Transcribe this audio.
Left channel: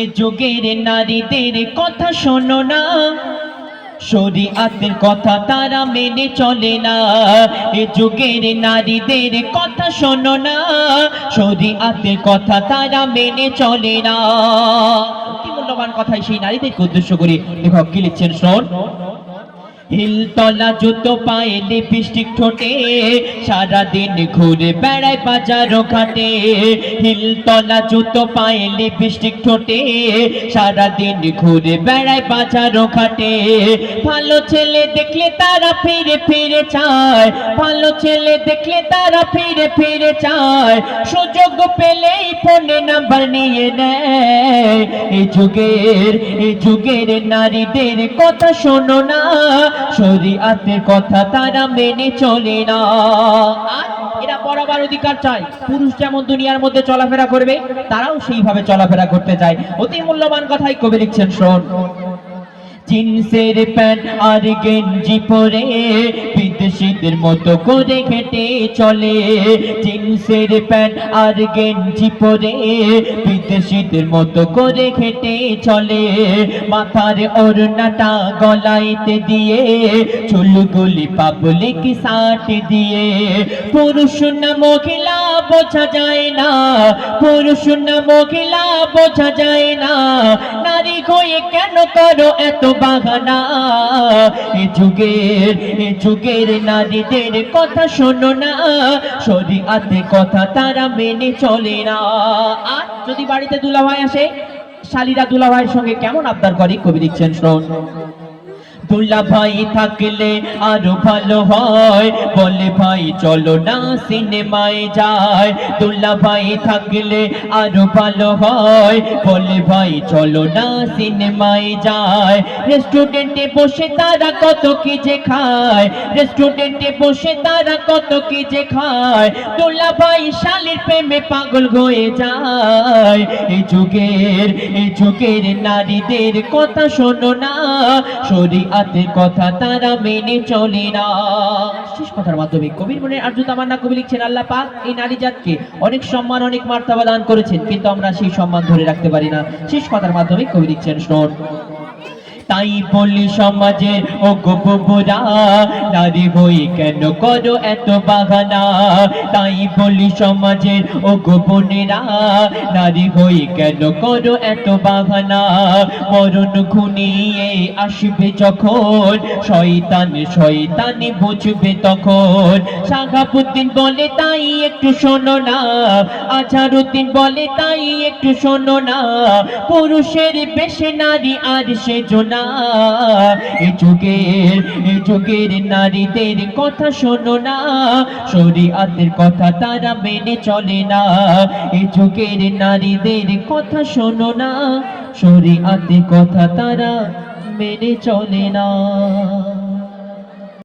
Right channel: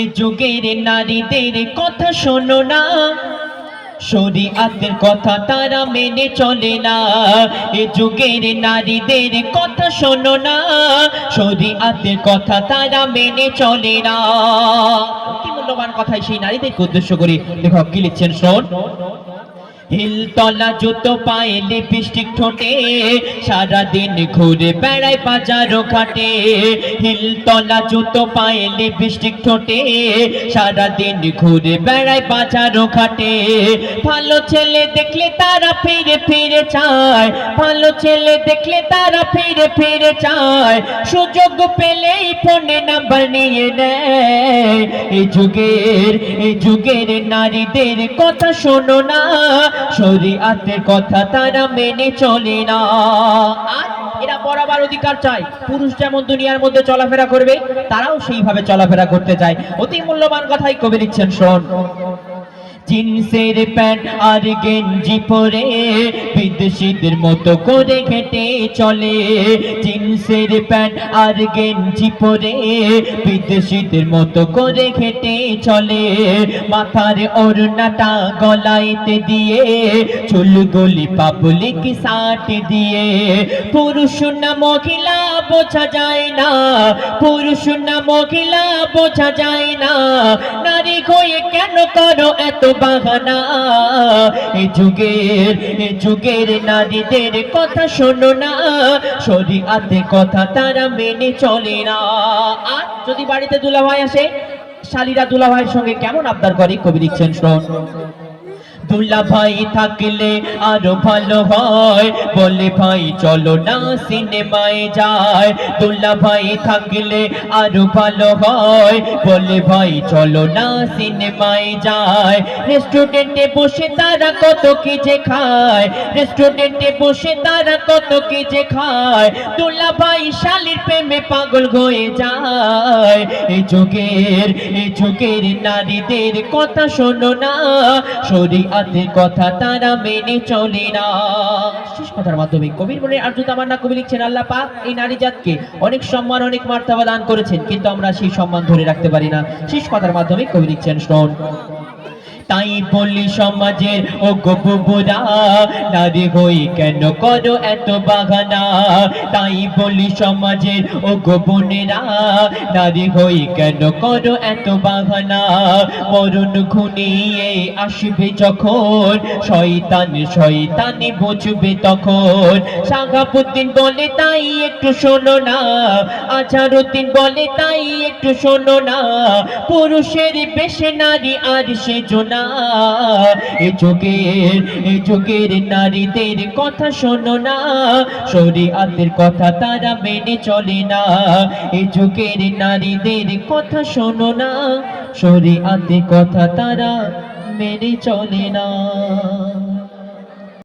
এ যুগের নারীদের কথা শোনো না, শরীয়তের কথা তারা মেনে চলে না। এ যুগের নারীদের কথা শোনো না, শরীয়তের কথা তারা মেনে চলে না। অতি মূল্যবান কথাই সেই নারীদেরকে উদ্দেশ্য করে লেখক কি লিখছেন শোন। হিলতলা জুতো পায়ে লিপস্টিক ঠোঁটে সারাদিন ঘুরে বেড়ায় বাজার ঘাটে। হিলতলা জুতো পায়ে লিপস্টিক ঠোঁটে সারাদিন ঘুরে বেড়ায় বাজার ঘাটে। ভালো ছেলে দেখলে তারা ফিরে ফিরে চায়, ভালো ছেলে দেখলে তারা ফিরে ফিরে চায়। সুযোগ পেলেই ফোনে নাম্বার নিয়ে নেয়। এই যুগের নারীদের কথা শোনো না, শরীয়তের কথা তারা মেনে চলে না। এরা বরাবর অধিকার চায়, পুরুষ যেমন দুনিয়ার মধ্যে চলাফেরা করবে তারাও সেইভাবে চলাফেরা করতে চায়। অতি মূল্যবান কথাই কবি লিখছেন শোন। জিন্সের প্যান্ট আর গেঞ্জি পরে বিদেশিদের মতো করে হেঁটে চলে। জিন্সের প্যান্ট আর গেঞ্জি পরে বিদেশিদের মতো করে হেঁটে চলে। মাথার ওড়নাটা গলাইতে দিয়ে চুলগুলি পাবলিক সাট দিয়ে। পুরুষ না মহিলা বোঝা যায় না, পুরুষ না মহিলা বোঝা যায় না। নারী হয়ে কেন করো এত বাহানা? এ যুগের নারীদের কথা শোনো না, শরীয়তের কথা তারা মেনে চলে না। আর যদি বাড়িতে দুলাভাই আসে, শালীরা দুলাভাইয়ের সঙ্গে কেমন আবদার করে কবি লিখছেন শোন। দুলাভাই থাকলে আরো ভালো হয়, বলে ভাই চলো না সিনেমায় যায়। দুলাভাই থাকলে আরো ভালো হয়, বলে ভাই চলো না সিনেমায় যায়। রেস্টুরেন্টে বসে তারা কত কি যে খায়, রেস্টুরেন্টে বসে তারা কত কি যে খায়। দুলাভাই শালীর প্রেমে পাগল হয়ে যায়। এই যুগের নারীদের কথা শোনো না, শরীয়তের কথা তারা মেনে চলে না। শেষ কথার মাধ্যমে কবির মনে আর্দ্রতা মান্না কবি লিখছেন, আল্লাহ পাক এই নারী জাতকে অনেক সম্মান অনেক মার্তবা দান করেছেন, কিন্তু আমরা সেই সম্মান ধরে রাখতে পারি না। শেষ কথার মাধ্যমে কবি লিখছেন শোন। তাই বলি সমাজের ও গোপুরা, নারী হই কেন করো এত বাহানা? তাই বলি সমাজের ও গোপনেরা, নারী হই কেন করো এত বাহানা? মরণ ঘনিয়ে আসবে যখন, শয়তানি বুঝবে তখন। শাহাবুদ্দিন বলে তাই একটু শোনো না, আজহারউদ্দিন বলে তাই একটু শোনো না। পুরুষের বেশে নারী আর সেজো না। এ যুগের নারীদের কথা শোনো না, শরীয়তের কথা তারা মেনে চলে না। এ যুগের নারীদের কথা শোনো না, শরীয়তের কথা তারা মেনে চলে না।